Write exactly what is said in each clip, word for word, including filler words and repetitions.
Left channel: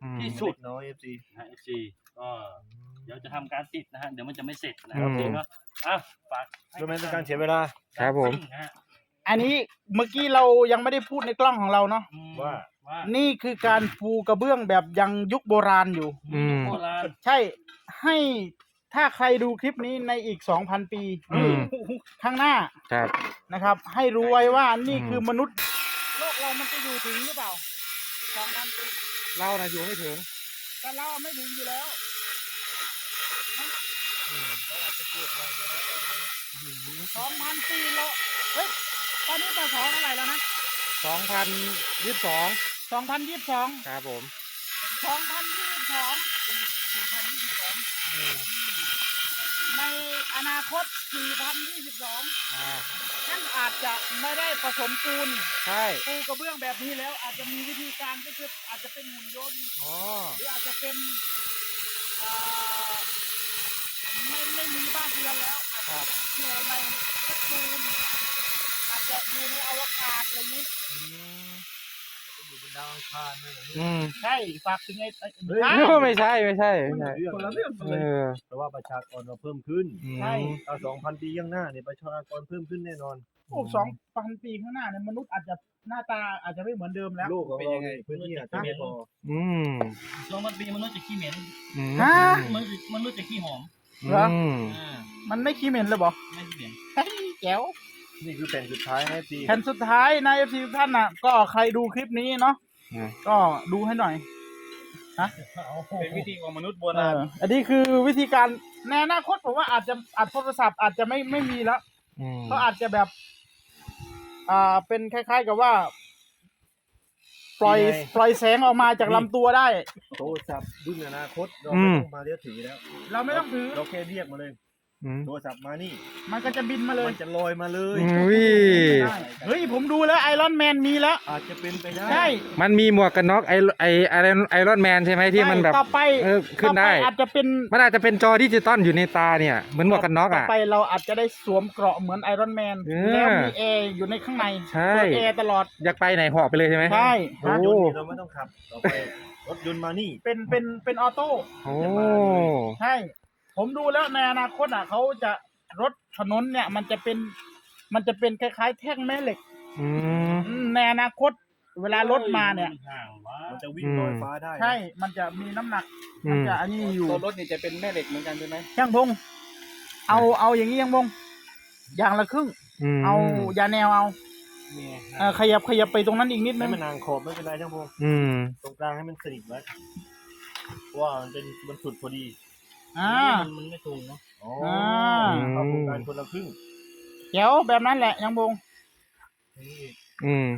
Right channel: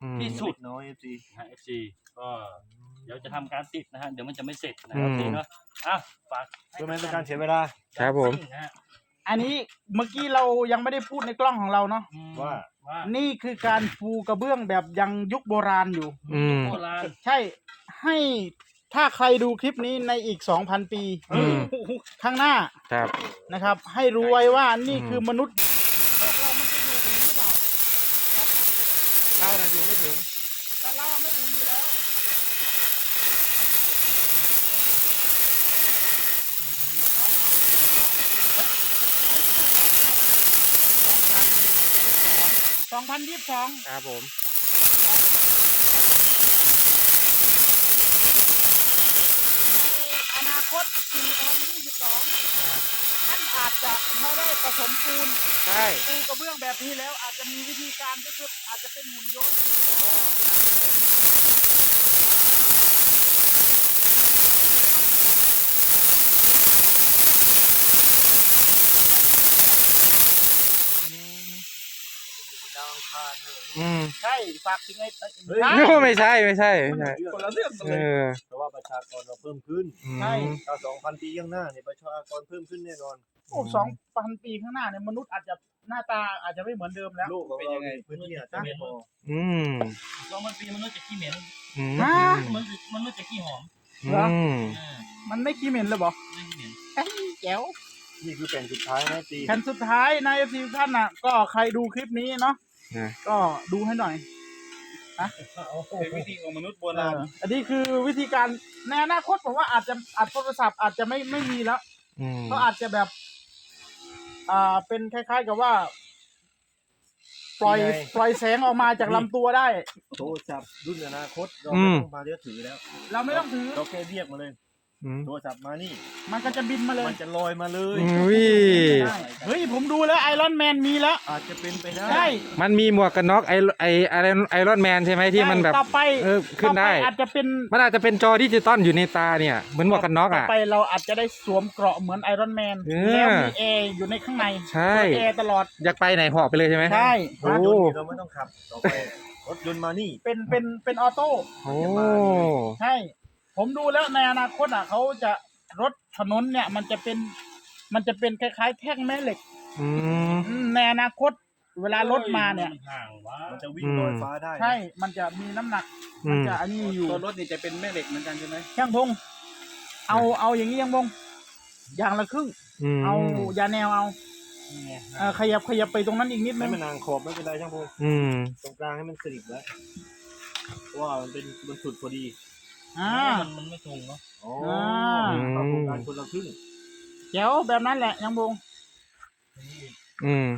ที่สุดน้อยเอฟซีนะเอฟซีก็เดี๋ยวจะทำการติดนะฮะเดี๋ยวมันจะไม่เสร็จนะโอเคเนาะอ่ะฝากให้ก็ไม่เป็นการเสียเวลาครับผมนะฮะอันนี้เมื่อกี้เรายังไม่ได้พูดในกล้องของเราเนาะอืมว่าว่านี่คือการปูกระเบื้องแบบยังยุคโบราณอยู่อืมโบราณใช่ให้ถ้าใครดูคลิปนี้ในอีก สองพัน ปีอืมข้างหน้าครับนะครับ ให้รู้ไว้ว่านี่อืมคือมนุษย์โลกเรามันจะอยู่ถึงหรือเปล่าสองพันปีเราน่ะอยู่ไม่ถึงแต่เราไม่ถึงอยู่แล้วสองพันปีแล้วเฮ้ยตอนนี้จะสองอะไรแล้วนะสองพันยี่สิบสองสองพันยี่สิบสองครับผมสองพันยี่สิบสองในอนาคตสี่พันยี่สิบสองอ่าท่านอาจจะไม่ได้ผสมปูนใช่ปูกระเบื้องแบบนี้แล้วอาจจะมีวิธีการก็คืออาจจะเป็นหุ่นยนต์อ๋อหรืออาจจะเป็นอ่าไม่ไม่มีบ้านเรือนแล้วอาจจะเปลี่ยนไปเป็นปูนอาจจะอยู่ในอวกาศอย่างนี้อยู่บนดาวอังคารเลยอืมใช่ฝากถึงไอ้ไอ้เฮ้ยใช่ไม่ใช่ไม่ใช่ไม่ใช่คนละเรื่องเออเพราะว่าประชากรเราเพิ่มขึ้นอืมใช่ถ้าสองพันปีข้างหน้าเนี่ยประชากรเพิ่มขึ้นแน่นอนโอ้สองพันปีข้างหน้าเนี่ยมนุษย์อาจจะหน้าตาอาจจะไม่เหมือนเดิมแล้วโลกของเราเนี่ยพื้นที่อาจจะไม่พออืมสองพันปีมนุษย์จะขี้เหม็นอืมฮะมนุษย์มนุษย์จะขี้หอมอืมอ่ามันไม่ขี้เหม็นเลยบอไม่ขี้เหม็นเฮ้ยแจ๋วนี่คือแผ่นสุดท้ายนะปีแผ่นสุดท้ายในเอฟซีท่านน่ะ ก็ใครดูคลิปนี้เนาะนะก็ดูให้หน่อยเป็นวิธีของมนุษย์โบเอราณออันนี้คือวิธีการในอนาคตผมว่าอาจจะอัดโทรศัพท์อาจจะไม่ไม่มีแล้วอืมก็อาจจะแบบ อ่าเป็นคล้ายๆกับว่า ปล่อยปล่อยแสงออกมาจากลำตัวได้โทรศัพท์รุ่นอนาคตเราไม่ต้องมาเรียกถือแล้วเราไม่ต้องถือเราแค่เรียกมาเลยอืมโทรศัพท์มานี่มันก็จะบินมาเลยมันจะลอยมาเลยอุ้ยเฮ้ยผมดูแล้วไอรอนแมนมีแล้วอาจจะเป็นไปได้ใช่มันมีหมวกกันน็อกไอไอไอไอรอนแมนใช่ไหมที่มันแบบต่อไปเออขึ้นได้ต่อปอาจจะเป็นมันอาจจะเป็นจอดิจิตอลอยู่ในตาเนี่ยเหมือนหมวกกันน็อกต่ออ่ะไปเราอาจจะได้สวมเกราะเหมือนไอรอนแมนเออแล้วมีแอร์อยู่ในข้างในใช่เปิดแอร์ตลอดอยากไปไหนหอบไปเลยใช่ไหมใช่รถยนต์นี่เราไม่ต้องขับ ต่อไปรถยนต์มานี่เป็นเป็นเป็นออโต้โอ้ใช่ ผมดูแล้วในอนาคตอ่ะเขาจะรถถนนเนี่ย มันจะเป็น มันจะเป็นคล้ายๆแท่งแม่เหล็กอืมอืมในอนาคต เวลารถมาเนี่ยห่างวะมันจะวิ่งลอยฟ้าได้นะใช่ มันจะมีน้ำหนักอืมันมจะอันนี้อยู่ตัวรถนี่จะเป็นแม่เหล็กเหมือนกันใช่ไหมช่างพงเอาเอาอย่างนี้ยังพงอย่างละครึ่งอืมเอายาแนวเอานี่ไงเออขยับขยับไปตรงนั้นอีกนิดนึให้งมันนางขอบไม่เป็นไรช่างพงอืมตรงกลางให้มันสนิทไว้เพราะว่ามันเป็นมันสุดพอดีอ่ามันมันไม่ตรงเนาะอ๋ออืมปรับปรุงการคนละครึ่งเดี๋ยวแบบนั้นแหละยังพงอืม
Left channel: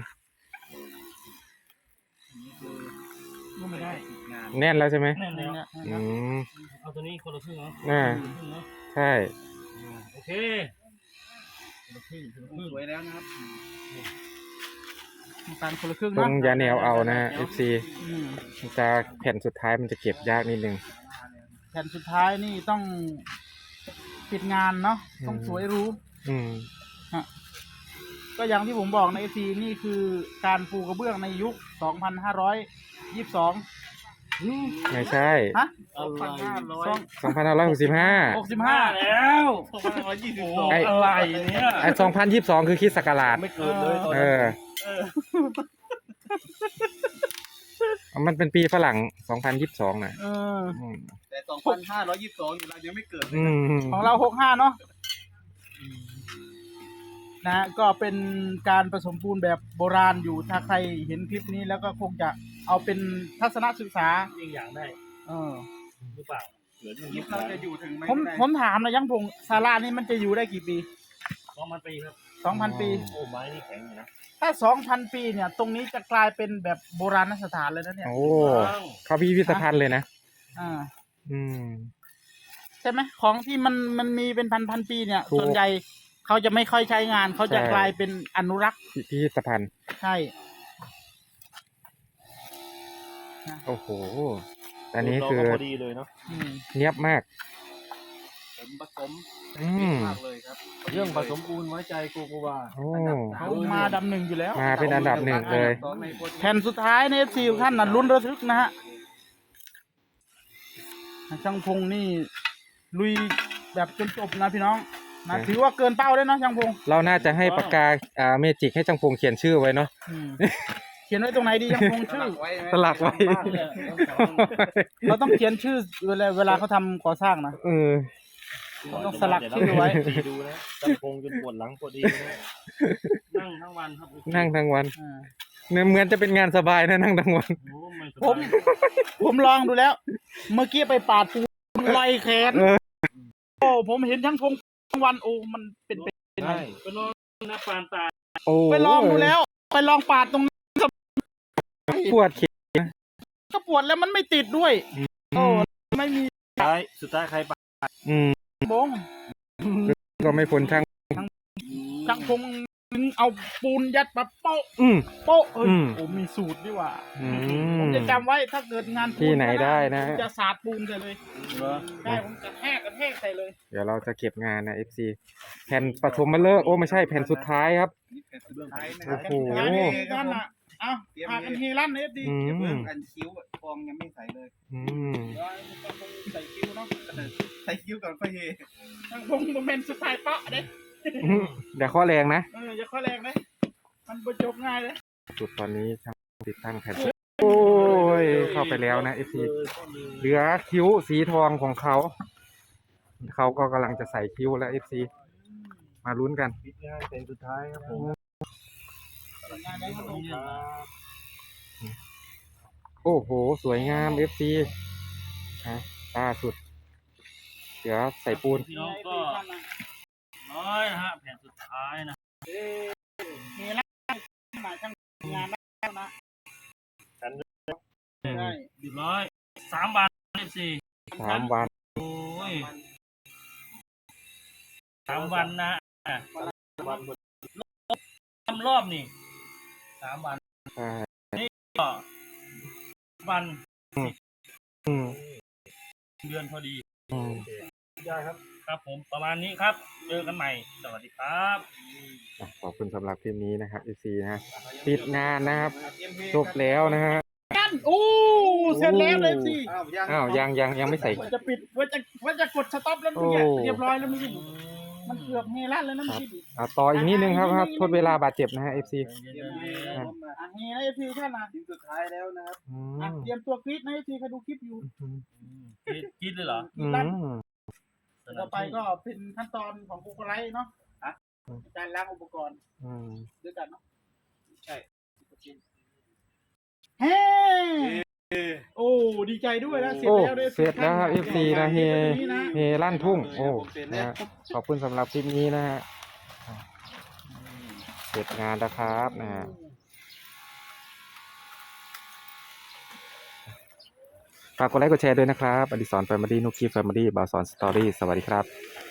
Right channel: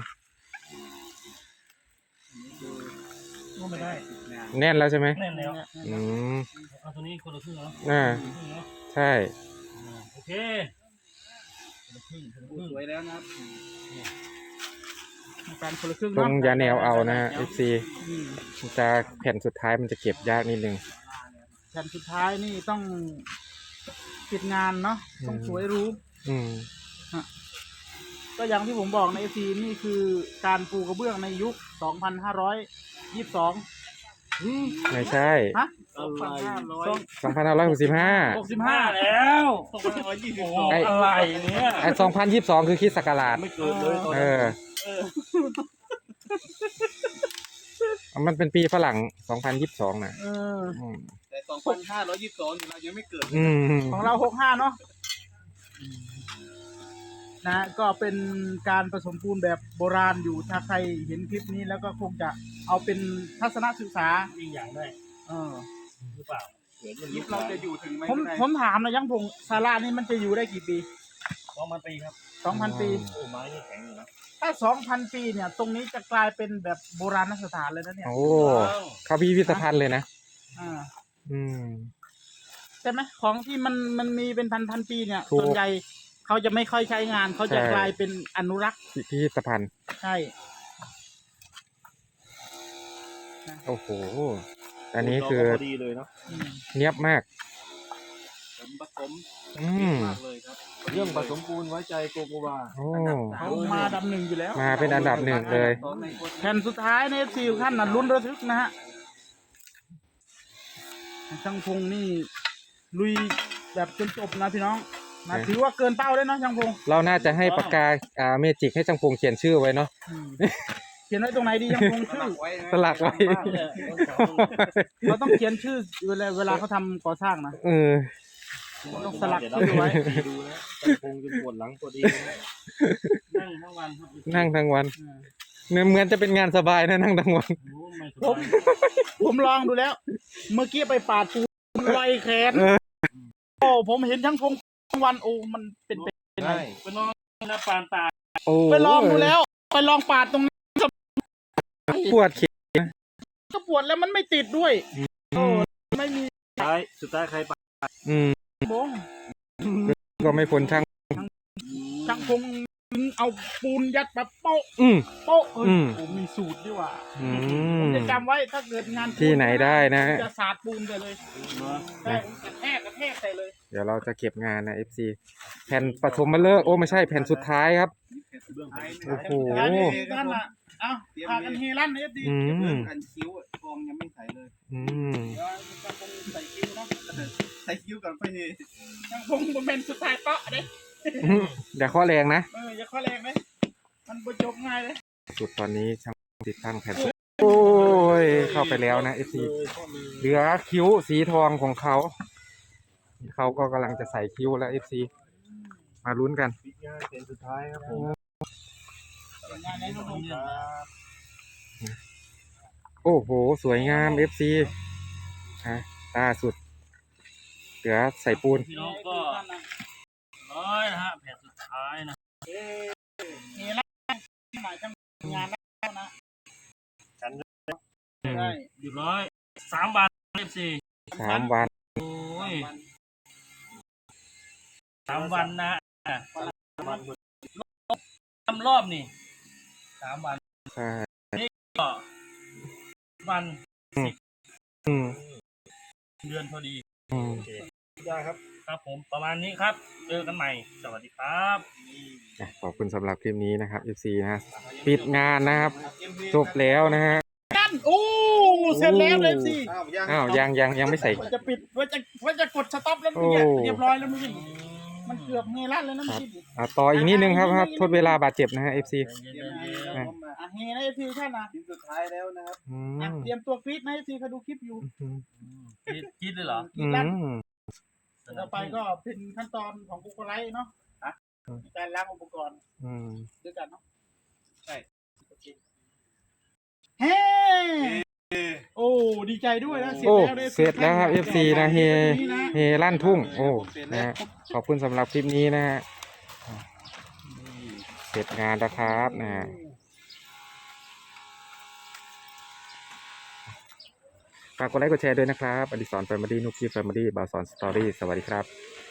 ก็ไม่ได้แน่นแล้วใช่ไหมแน่นแล้วอืมเอาตัวนี้คนละครึ่งเนาะอ่าคนละครึ่งเนาะใช่อ่าโอเคคนละครึ่งคนละครึ่งสวยแล้วนะการคนละครึ่งตรงเนาะยาแนวเอานะฮะ เอฟ ซีอืมจะแผ่นสุดท้ายมันจะเก็บยากนิดนึงแผ่นสุดท้ายนี่ต้องปิดงานเนาะต้องสวยหรู้อืมก็อย่างที่ผมบอกในเอซีนี่คือการปูกระเบื้องในยุค สองพันห้าร้อยยี่สิบสองไม่ใช่ฮะอะไรสองพันห้าร้อยหกสิบห้าหกสิบห้าแล้วสองพันร้อยยี่สิบสองไอ้อะไรเนี่ยไอ้สองพันยี่สิบสองคือคริดศักราชไม่เกินเลยตอนเอนี้อ มันเป็นปีฝรั่งสองพันยี่สิบสองนะเอออืมแต่สองพันห้าร้อยยี่สิบสองเรายังไม่เกิดอืมของเราหกห้าเนาะนะก็เป็นการผสมปูนแบบโบราณอยู่ถ้าใครเห็นคลิปนี้แล้วก็คงจะเอาเป็นทัศนศึกษายิ่งอย่างได้เออหรือเปล่าเกิดอย่างคลินี้ปเราจะอยู่ถึงไหมผมผมถามนะยังพงศาลานี่มันจะอยู่ได้กี่ปีสองพันปีครับสองพันปีโอ้ไม้นี่แข็งอยู่นะถ้าสองพันปีเนี่ย ตรงนี้จะกลายเป็นแบบโบราณสถานเลยนะเนี่ยโอ้ เข้าพิพิธภัณฑ์เลยนะอ่าอืมใช่ไหมของที่มันมันมีเป็นพันพันปีเนี่ยถูกส่วนใหญ่เขาจะไม่ค่อยใช้งานเขาจะใช่กลายเป็นอนุรักษ์พิพิธภัณฑ์ใช่โอ้โห อันนี้คือพอดีเลยเนาะอืมเนียบมากผมผสมอืมมากเลยครับเรื่องผสมปูนไว้ใจโกโกวาโอ้เขามาดับหนึ่งอยู่แล้วมาเป็นอันดับหนึ่งเลยแผ่นสุดท้ายในซีท่านน่ะลุ้นระทึกนะฮะช่างพงนี่ลุยแบบจนจบนะพี่น้องนะถือว่าเกินเป้าแล้วเนาะช่างพงเราน่าจะให้ปากกาอ่าเมจิกให้จังพงเขียนชื่อไว้เนาะอืมเขียนไว้ตรงไหนดีช่างพงชื่อสลักไว้เราต้องเขียนชื่อเวลาเวลาเขาทำก่อสร้างนะเออต้องสลักชื่อไว้ดูแล้วจังพงจนปวดหลังปวดเอวนั่งทั้งวันครับนั่งทั้งวันอ่าเนี่ยเหมือนจะเป็นงานสบายนะนั่งทั้งวันโอ้ไม่สผบาม ยผมลองดูแล้ว เมื่อกี้ไปปาดปูนไล่แขนเออโอ้ผมเห็นช่างพงทั้งวันโอ้มันเป็นไปใช่ไปนอนนะปานตายโอ้ไปลองดูแล้ว ไปลองปาดตรงนั้นปวดเขียก็ปวดแล้วมันไม่ติดด้วยโอ้ไม่มีสุดท้ายสุดท้ายใครปะอืมบงก็ไม่พ้นช่างช่างพงเอาปูนยัดแบบโป๊ะอืมโป๊ะเอออืมโอ้มีสูตรด้วยว่ะอืมจะจำไว้ถ้าเกิดงานปูที่ไหนได้นะจะสาดปูนใส่เลยเหรอได้ผมกระแทกกระแทกใส่เลยเดี๋ยวเราจะเก็บงานนะ เอฟ ซี แผ่นปฐมมาเลิกษ์โอ้ไม่ใช่แผ่นสุดท้ายครับเบื้องหลังโอ้โหท้ายนี่ด้านน่ะเอ้าพากันเฮลั่นเอฟดีอืมอันคิ้วอะฟองยังไม่ใสเลยอืมเดี๋ยวช่างพงใส่คิวเนาะใส่คิ้วก่อนค่อยเฮช่างพงมันเป็นสุดท้ายเปาะเด้เดี๋ยวข้อแรงนะเอออย่าข้อแรงเลยมันประจบง่ายเลยสุดตอนนี้ช่างติดตั้งแผ่นสุดโอ้ยเข้าไปแล้วนะ เอฟ ซี เหลือคิ้วสีทองของเขา เขาก็กำลังจะใส่คิ้วแล้ว เอฟ ซี มาลุ้นกันปิดงานเป็นสุดท้ายครับผมงานนี้มันลงครับโอ้โห สวยงาม เอฟ ซี ฮะล่าสุด เหลือใส่ปูนพี่น้องก็ร้อยนะฮะแผ่นสุดท้ายนะเฮลั่นหมายช่างงานแล้วนะใช่เรียบร้อยสามบาทเอฟซีสามวันโอ้ยสามวันนะอ่ะทำรอบนี่สามวันใช่ก็วันอืมเดือนพอดีอืมได้ครับครับผมประมาณนี้ครับ เจอกันใหม่ สวัสดีครับอ่ะขอบคุณสำหรับคลิปนี้นะครับ เอฟ ซี นะฮะปิดงานนะครับ จบแล้วนะฮะนั่นโอ้เสร็จแล้วเลยสิอ้าวยังอ้าว ยังยังยังไม่ใส่ว่าจะปิดว่าจะว่าจะกดสต็อปแล้วเมื่อกี้เรียบร้อยแล้วเมื่อกี้มันเกือบเฮลั่นแล้วนะเมื่อกี้อ่ะต่ออีกนิดนึงครับครับ ทดเวลาบาดเจ็บนะฮะ เอฟ ซีเย็นๆอ่ะอ่ะเฮนะเอฟซีแค่นั้นชิ้นสุดท้ายแล้วนะครับอือ่ะมเตรียมตัวกรีดนะเอฟซีเขาดูคลิปอยู่อืมๆคิดคิดเลยเหรอกรีอืดลั่นมต่อไปก็เป็นขั้นตอนของกูโกไลท์เนาะอ่ะในการล้างอุปกรณ์อืมด้วยกันเนาะใช่เฮ้โอ้ดีใจด้วยนะเสร็จโอ้แล้วเสร็จแล้วครับ เอฟ ซี นะเฮนี่นะเฮลั่นทุ่ง โอ้ นะฮะขอบคุณสำหรับคลิปนี้นะฮะอ่ะเสร็จงานแล้วครับนะฮะฝากกดไลค์กดแชร์ด้วยนะครับ อดิศรแฟมิลี่นุกกี้แฟมิลี่บาสอนสตอรี่ สวัสดีครับ